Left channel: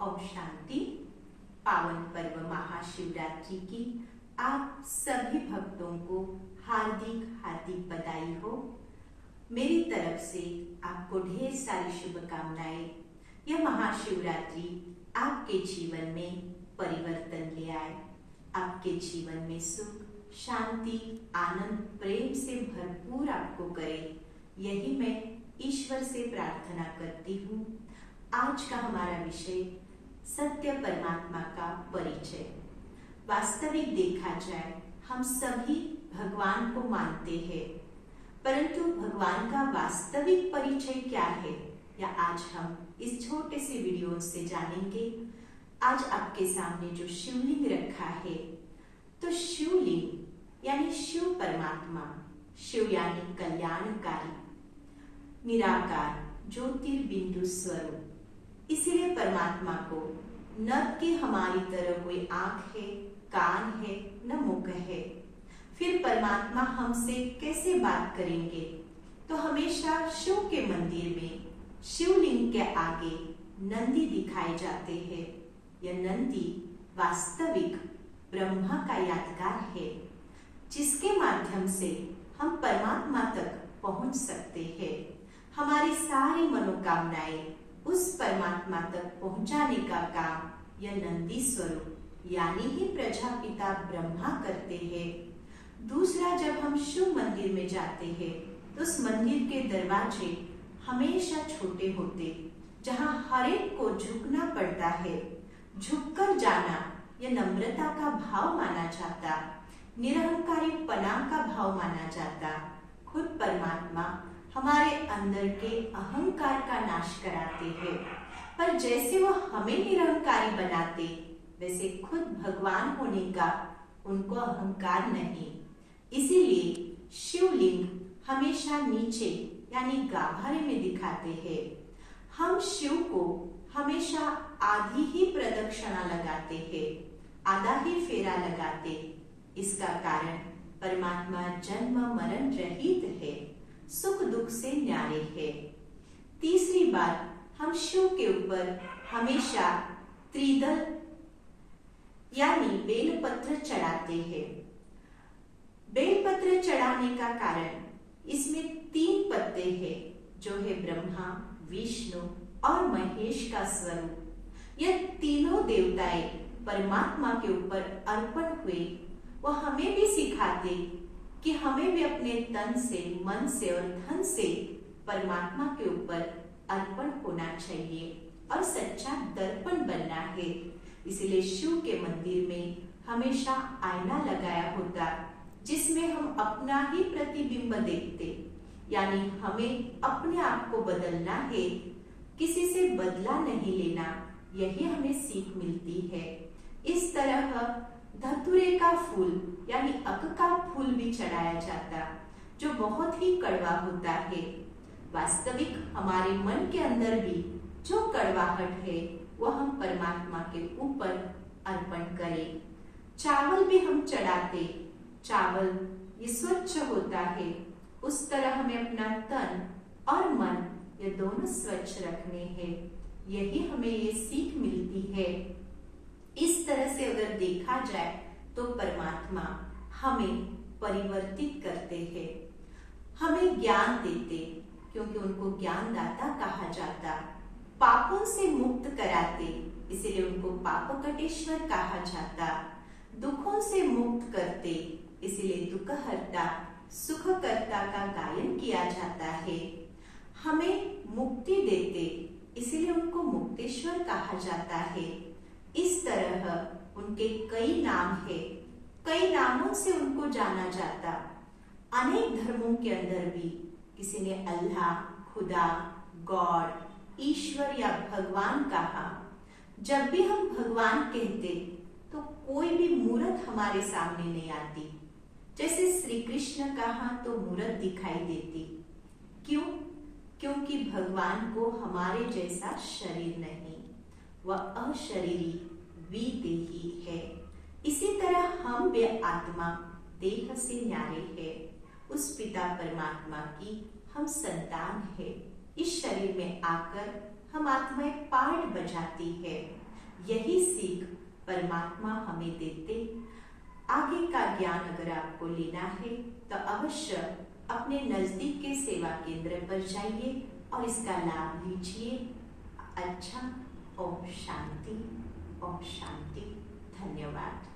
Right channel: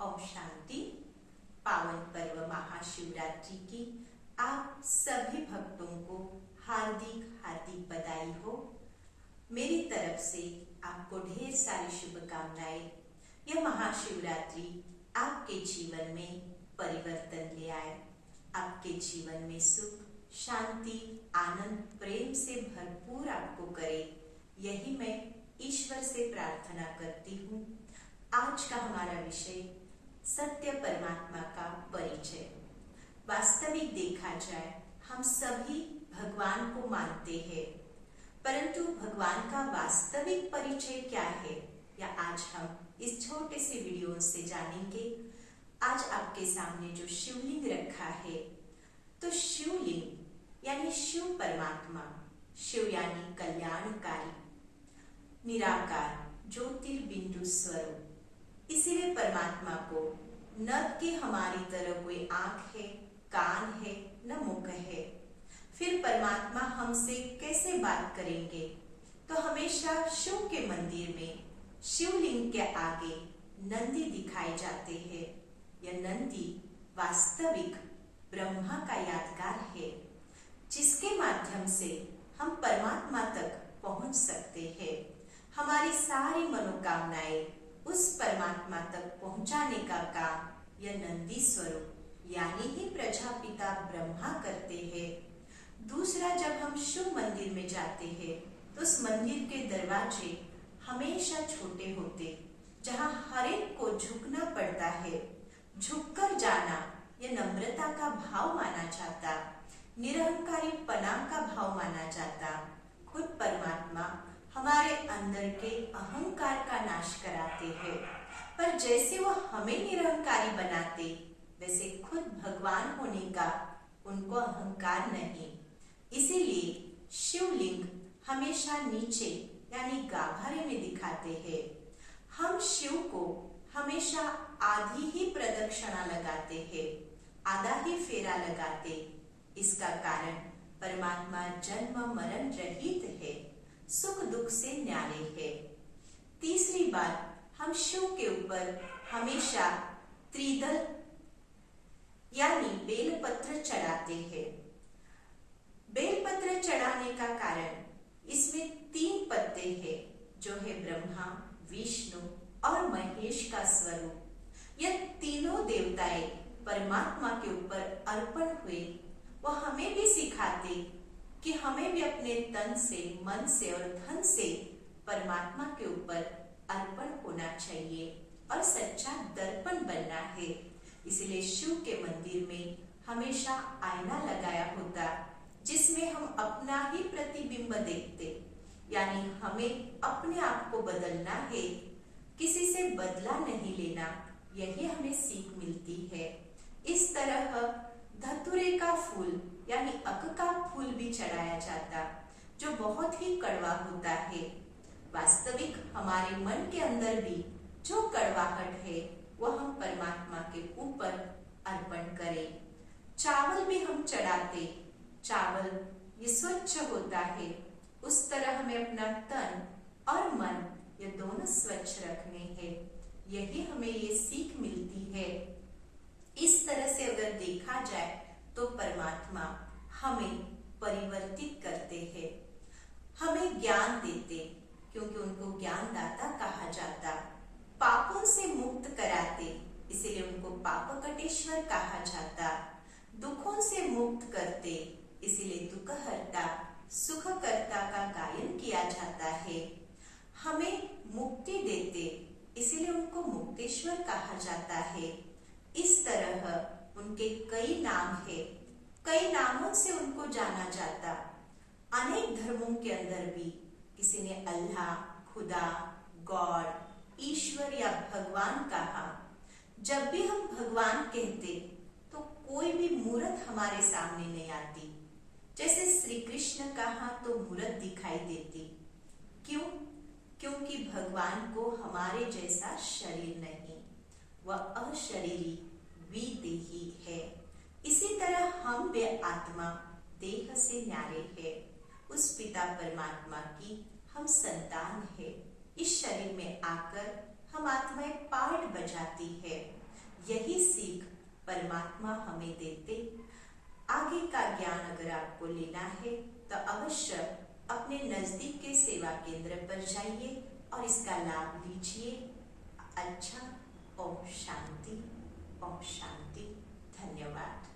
ओम शांति। पावन पर्व महाशिवरात्रि की आप सभी भक्तों को हार्दिक हार्दिक बधाई हो। मेरी तरफ से आपको ढेर सारी शुभकामनाएं। यह महाशिवरात्रि आपके जीवन में परिवर्तन ले आए, आपके जीवन में सुख, शांति, आनंद, प्रेम से भरपूर आपको करे, यही मैं ईश्वर से प्रार्थना करती हूँ। आज का हमारा विषय सत्य परमात्मा का परिचय। वास्तविक देखा जाए हम सभी भगवान को मानते हैं, परंतु भगवान का वास्तविक परिचय क्या है, या आज हम इस छोटे से वीडियो से जानेंगे। आज आपके सामने जो शिवलिंग रखा है, तो शिवलिंग यानी शिव परमात्मा, शिव यानी कल्याणकारी, निराकार, ज्योतिर्बिंदु स्वरूप। इसीलिए परमात्मा को न कि हमारी तरह कोई आंख है, कान है, न मुख है। फिर परमात्मा हमसे कैसे बात करेंगे? तो हमेशा शिव के मंदिर में शिवलिंग के आगे नंदी दिखाए जाते हैं। यह नंदी वास्तविक ब्रह्मा का यादगार है, जिसके माध्यम से हम परमात्मा तक पहुंच सकते हैं। हमारी सारी मनोकामनाएं उस परमात्मा तक पहुंचाने का काम यह नंदी स्वरूप यानी ही प्रजापिता ब्रह्मा करते हैं। दूसरा, जब हम शिव मंदिर में जाते हैं तो उस मंदिर के दरवाजे हमेशा छोटे होते, जहां हर एक को झुकना पड़ता है। झुककर जाना यह नम्रता का भाव माना जाता, निरहंकारी पना का भाव माना जाता। खुद परमात्मा हमारे अंदर के अहंकार का नाश कराते हैं, पर जैसे वह हमें निरहंकारी बनाते, वैसे खुद भगवान होने का उनको अहंकार नहीं। इसीलिए शिवलिंग हमेशा नीचे यानी गाभारे में दिखाते हैं। हम शिव को हमेशा आधी ही प्रदक्षिणा लगाते हैं, आधा ही फेरा लगाते। इसका कारण परमात्मा जन्म मरण रहित है, सुख दुख से न्यारे है। तीसरी बात, हम शिव के ऊपर हमेशा त्रिदल यानी बेलपत्र चढ़ाते हैं। बेलपत्र चढ़ाने का कारण इसमें 3 पत्ते हैं, जो है ब्रह्मा, विष्णु और महेश का स्वरूप। यह तीनों देवताएं परमात्मा के ऊपर अर्पण हुए। वह हमें भी सिखाते कि हमें भी अपने तन से, मन से और धन से परमात्मा के ऊपर अर्पण होना चाहिए और सच्चा दर्पण बनना है। इसलिए शिव के मंदिर में हमेशा आईना लगाया होता, जिसमें हम अपना ही प्रतिबिंब देखते, यानी हमें अपने आप को बदलना है, किसी से बदला नहीं लेना। यही हमें सीख मिलती है। इस तरह धतूरे का फूल यानी अक का फूल भी चढ़ाया जाता, जो बहुत ही कड़वा होता है। वास्तविक हमारे मन के अंदर भी जो कड़वाहट है, वह हम परमात्मा के ऊपर अर्पण करें। चावल भी हम चढ़ाते, चावल ये स्वच्छ होता है। उस तरह हमें अपना तन और मन ये दोनों स्वच्छ रखने हैं। यही हमें ये सीख मिलती है। इस तरह से अगर देखा जाए तो परमात्मा हमें परिवर्तित करते हैं, हमें ज्ञान देते, क्योंकि उनको ज्ञानदाता कहा जाता। पापों से मुक्त कराते, इसलिए उनको पापकटेश्वर कहा जाता। दुखों से मुक्त करते, इसलिए दुखहर्ता, सुखकर्ता का गायन किया जाता है। हमें मुक्ति देते, इसलिए उनको मुक्तेश्वर कहा जाता है। इस तरह उनके कई नाम है, कई नामों से उनको जाना जाता। अनेक धर्मों के अंदर भी किसी ने अल्लाह, खुदा, गॉड, ईश्वर या भगवान कहा। जब भी हम भगवान कहते तो कोई भी मूर्त हमारे सामने नहीं आती। जैसे श्री कृष्ण कहा तो मूर्त दिखाई देती। क्यों? क्योंकि भगवान को हमारे जैसा शरीर नहीं, वह अशरीरी विदेही है। इसी तरह हम वे आत्मा देह से न्यारे है। उस पिता परमात्मा की हम संतान है। इस शरीर में आकर हम आत्माएं पार्ट बजाती है। यही सीख परमात्मा हमें देते। आगे का ज्ञान अगर आपको लेना है तो अवश्य अपने नजदीक के सेवा केंद्र पर जाइए और इसका लाभ लीजिए। अच्छा, ओम शांति, ओम शांति। धन्यवाद।